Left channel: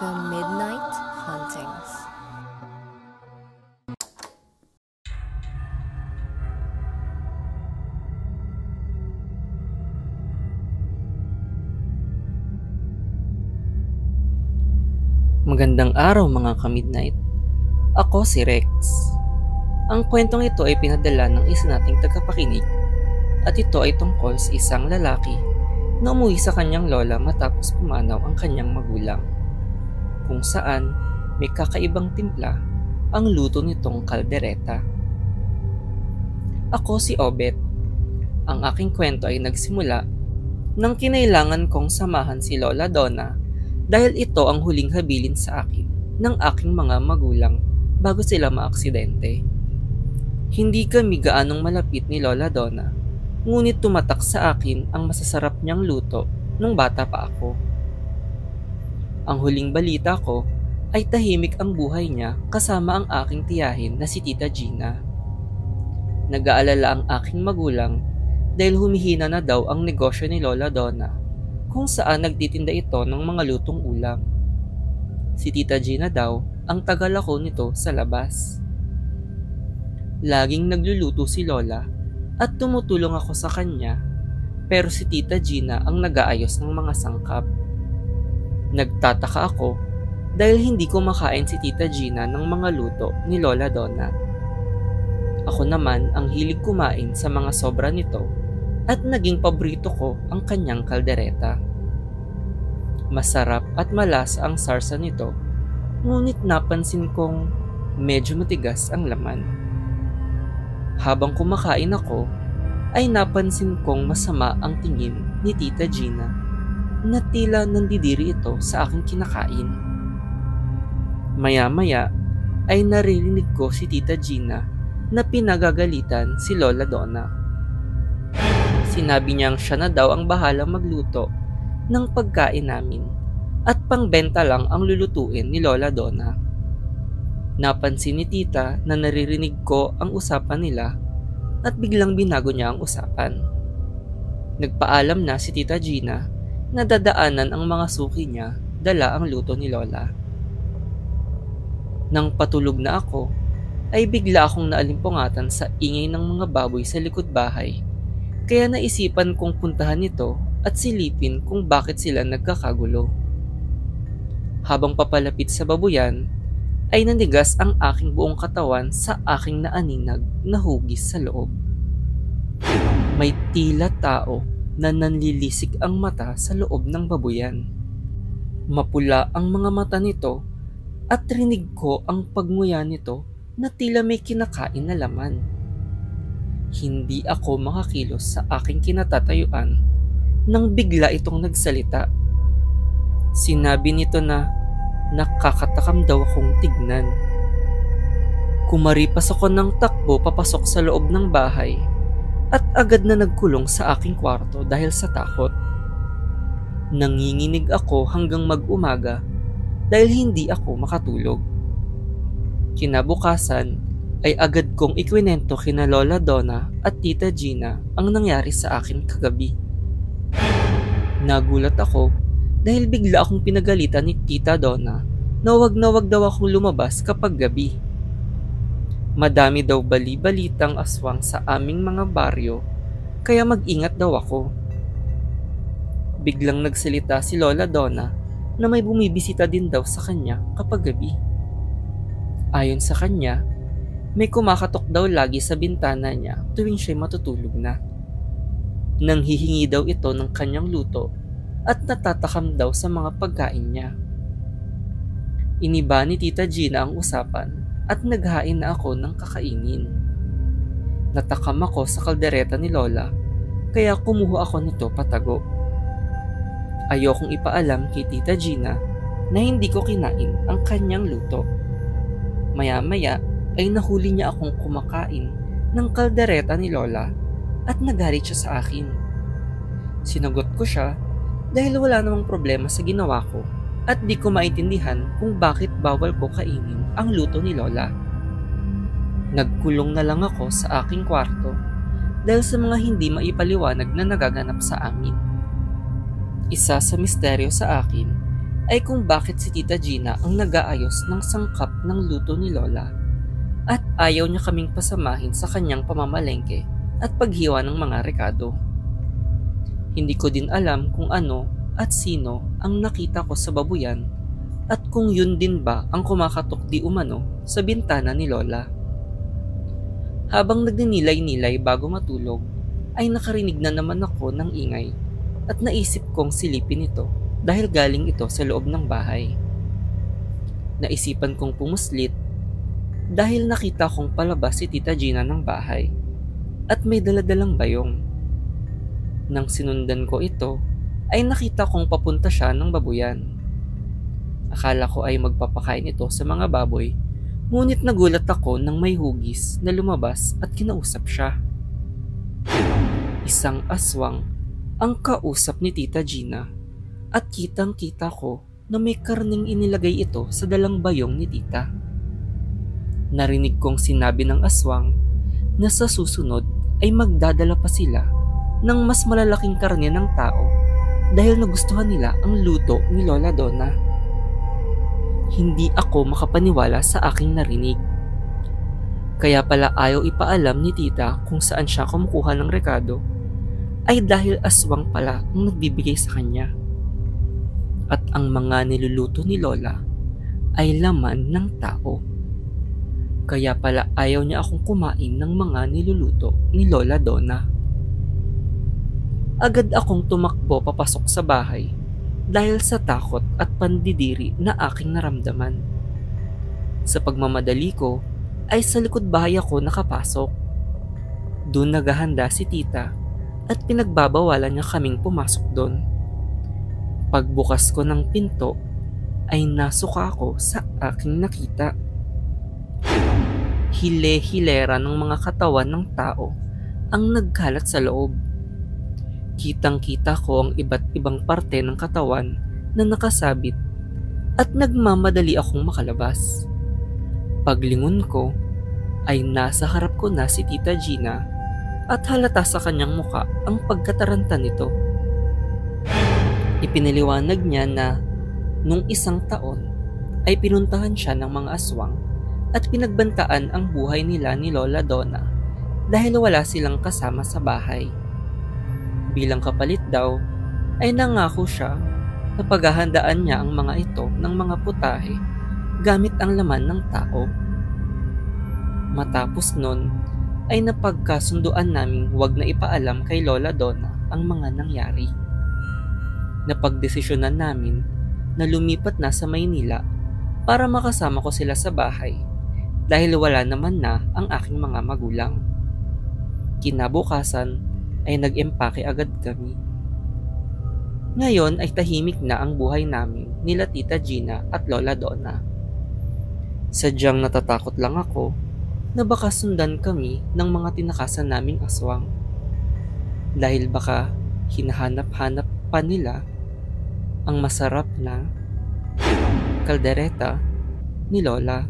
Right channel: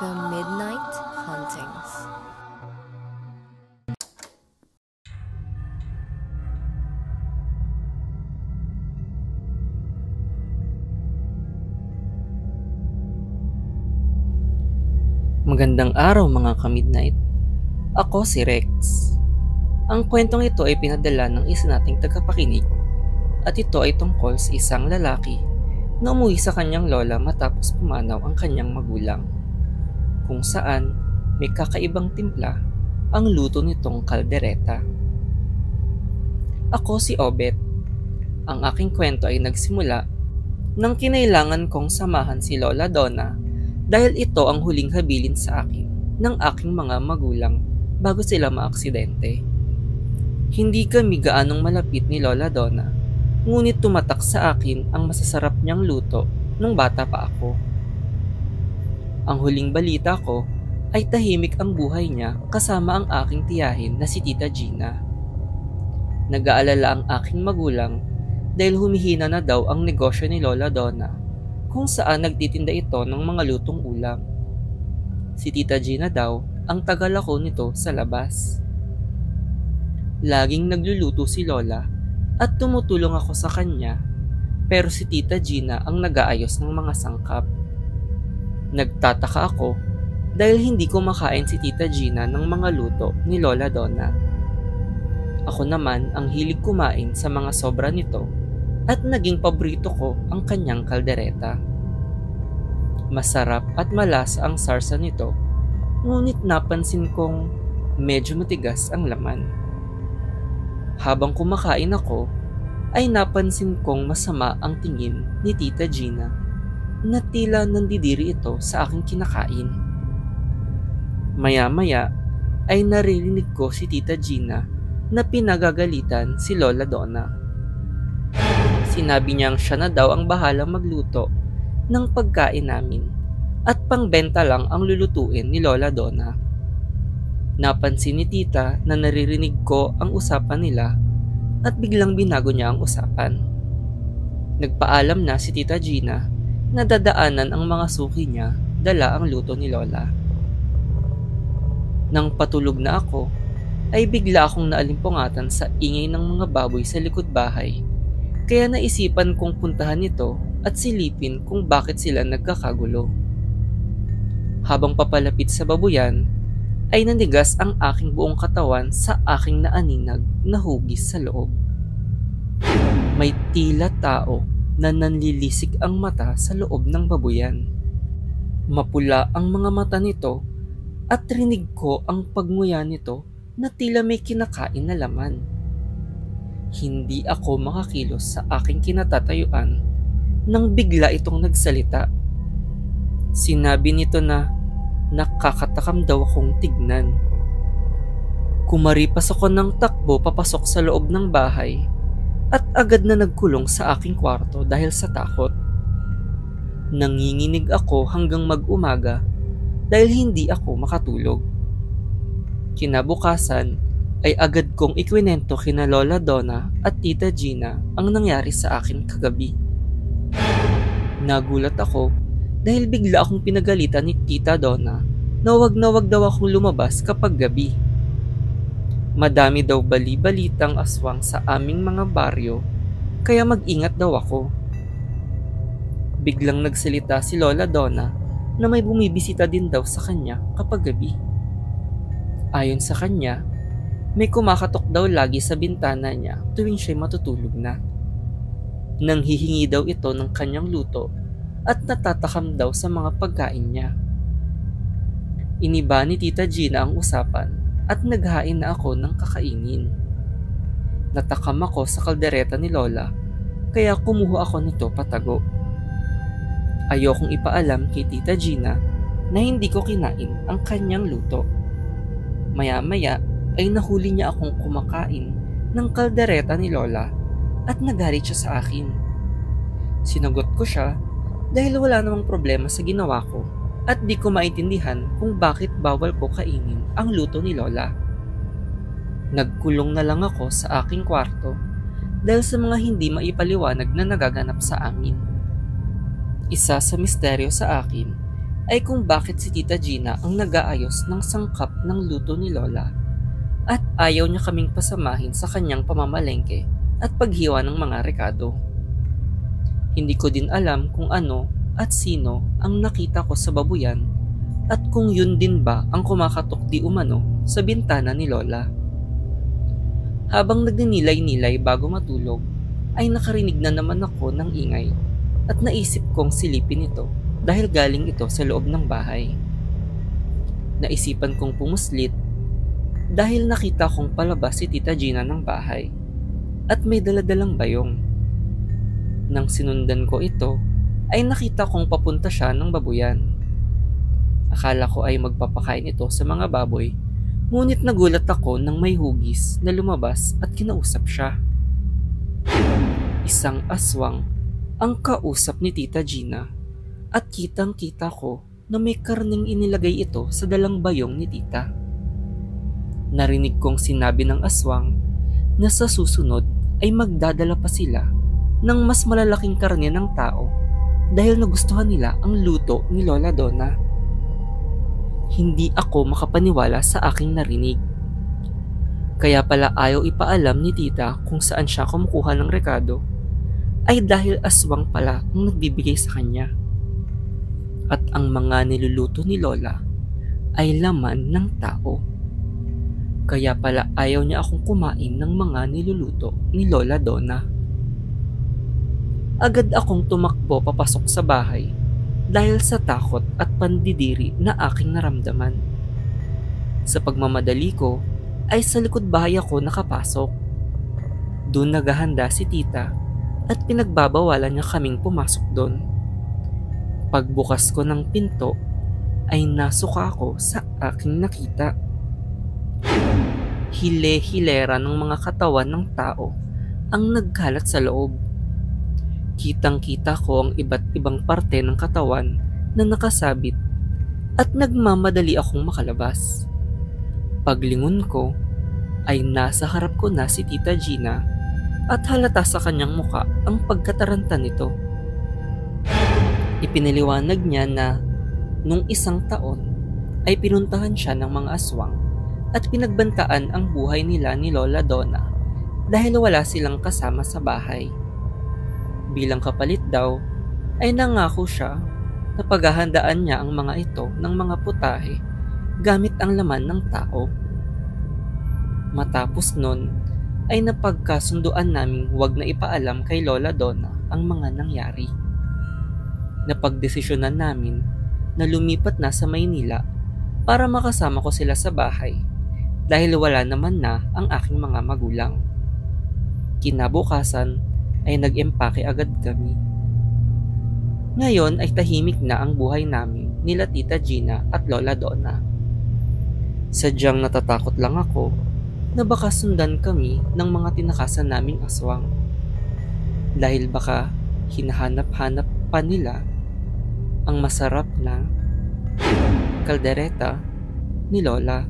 The Midnight Hauntings. Magandang araw mga ka-midnight. Ako si Rex. Ang kwentong ito ay pinadala ng isa nating tagapakinig at ito ay tungkol sa isang lalaki na umuwi sa kanyang lola matapos pumanaw ang kanyang magulang, kung saan may kakaibang timpla ang luto nitong kaldereta. Ako si Obet. Ang aking kwento ay nagsimula nang kinailangan kong samahan si Lola Donna dahil ito ang huling habilin sa akin ng aking mga magulang bago sila maaksidente. Hindi kami gaanong malapit ni Lola Donna, ngunit tumatak sa akin ang masasarap niyang luto nung bata pa ako. Ang huling balita ko ay tahimik ang buhay niya kasama ang aking tiyahin na si Tita Gina. Nag-aalala ang aking magulang dahil humihina na daw ang negosyo ni Lola Donna, kung saan nagtitinda ito ng mga lutong ulam. Si Tita Gina daw ang tagalako nito sa labas. Laging nagluluto si Lola at tumutulong ako sa kanya, pero si Tita Gina ang nag-aayos ng mga sangkap. Nagtataka ako dahil hindi ko makain si Tita Gina ng mga luto ni Lola Donna. Ako naman ang hilig kumain sa mga sobra nito at naging paborito ko ang kanyang kaldereta. Masarap at malasa ang sarsa nito, ngunit napansin kong medyo matigas ang laman. Habang kumakain ako, ay napansin kong masama ang tingin ni Tita Gina na tila nandidiri ito sa aking kinakain. Maya-maya ay naririnig ko si Tita Gina na pinagagalitan si Lola Donna. Sinabi niyang siya na daw ang bahalang magluto ng pagkain namin at pangbenta lang ang lulutuin ni Lola Donna. Napansin ni Tita na naririnig ko ang usapan nila at biglang binago niya ang usapan. Nagpaalam na si Tita Gina na dadaanan ang mga suki niya dala ang luto ni Lola. Nang patulog na ako, ay bigla akong naalimpungatan sa ingay ng mga baboy sa likod bahay. Kaya naisipan kong puntahan ito at silipin kung bakit sila nagkakagulo. Habang papalapit sa babuyan, ay nanigas ang aking buong katawan sa aking naaninag na hugis sa loob. May tila tao na nanlilisik ang mata sa loob ng babuyan. Mapula ang mga mata nito at rinig ko ang pagnguya nito na tila may kinakain na laman. Hindi ako makakilos sa aking kinatatayuan nang bigla itong nagsalita. Sinabi nito na nakakatakam daw akong tignan. Kumaripas ako ng takbo papasok sa loob ng bahay at agad na nagkulong sa aking kwarto dahil sa takot. Nanginginig ako hanggang mag-umaga dahil hindi ako makatulog. Kinabukasan ay agad kong ikwinento kina Lola Donna at Tita Gina ang nangyari sa akin kagabi. Nagulat ako dahil bigla akong pinagalitan ni Tita Donna na wag daw akong lumabas kapag gabi. Madami daw bali-balitang aswang sa aming mga baryo, kaya mag-ingat daw ako. Biglang nagsalita si Lola Donna na may bumibisita din daw sa kanya kapag gabi. Ayon sa kanya, may kumakatok daw lagi sa bintana niya tuwing siya'y matutulog na. Nanghihingi daw ito ng kanyang luto at natatakam daw sa mga pagkain niya. Iniba ni Tita Gina ang usapan at naghain na ako ng kakainin. Natakam ako sa kaldereta ni Lola kaya kumuha ako nito patago. Ayokong ipaalam kay Tita Gina na hindi ko kinain ang kanyang luto. Maya-maya ay nahuli niya akong kumakain ng kaldereta ni Lola at nagalit siya sa akin. Sinagot ko siya dahil wala namang problema sa ginawa ko at di ko maintindihan kung bakit bawal ko kainin ang luto ni Lola. Nagkulong na lang ako sa aking kwarto dahil sa mga hindi maipaliwanag na nagaganap sa amin. Isa sa misteryo sa akin ay kung bakit si Tita Gina ang nag-aayos ng sangkap ng luto ni Lola at ayaw niya kaming pasamahin sa kanyang pamamalengke at paghiwa ng mga rekado. Hindi ko din alam kung ano at sino ang nakita ko sa babuyan at kung yun din ba ang kumakatok di umano sa bintana ni Lola. Habang nagninilay-nilay bago matulog, ay nakarinig na naman ako ng ingay at naisip kong silipin ito dahil galing ito sa loob ng bahay. Naisipan kong pumuslit dahil nakita kong palabas si Tita Gina ng bahay at may daladalang bayong. Nang sinundan ko ito, ay nakita kong papunta siya ng babuyan. Akala ko ay magpapakain ito sa mga baboy, ngunit nagulat ako nang may hugis na lumabas at kinausap siya. Isang aswang ang kausap ni Tita Gina at kitang-kita ko na may karneng inilagay ito sa dalang bayong ni Tita. Narinig kong sinabi ng aswang na sa susunod ay magdadala pa sila ng mas malalaking karne ng tao dahil nagustuhan nila ang luto ni Lola Donna. Hindi ako makapaniwala sa aking narinig. Kaya pala ayaw ipaalam ni Tita kung saan siya kumukuha ng rekado ay dahil aswang pala ang nagbibigay sa kanya. At ang mga niluluto ni Lola ay laman ng tao. Kaya pala ayaw niya akong kumain ng mga niluluto ni Lola Donna. Agad akong tumakbo papasok sa bahay dahil sa takot at pandidiri na aking naramdaman. Sa pagmamadali ko ay sa likod bahay ako nakapasok. Doon naghahanda si Tita at pinagbabawalan niya kaming pumasok doon. Pagbukas ko ng pinto ay nasuka ako sa aking nakita. Hile-hilera ng mga katawan ng tao ang nagkalat sa loob. Kitang-kita ko ang iba't ibang parte ng katawan na nakasabit at nagmamadali akong makalabas. Paglingon ko ay nasa harap ko na si Tita Gina at halata sa kanyang muka ang pagkataranta nito. Ipinaliwanag niya na nung isang taon ay pinuntahan siya ng mga aswang at pinagbantaan ang buhay nila ni Lola Donna dahil wala silang kasama sa bahay. Bilang kapalit daw, ay nangako siya na paghahandaan niya ang mga ito ng mga putahe gamit ang laman ng tao. Matapos nun, ay napagkasunduan naming huwag na ipaalam kay Lola Donna ang mga nangyari. Napagdesisyonan namin na lumipat na sa Maynila para makasama ko sila sa bahay dahil wala naman na ang aking mga magulang. Kinabukasan, ay nag-empake agad kami. Ngayon ay tahimik na ang buhay namin nila Tita Gina at Lola Donna. Sadyang natatakot lang ako na baka sundan kami ng mga tinakasan naming aswang. Dahil baka hinahanap-hanap pa nila ang masarap na kaldereta ni Lola.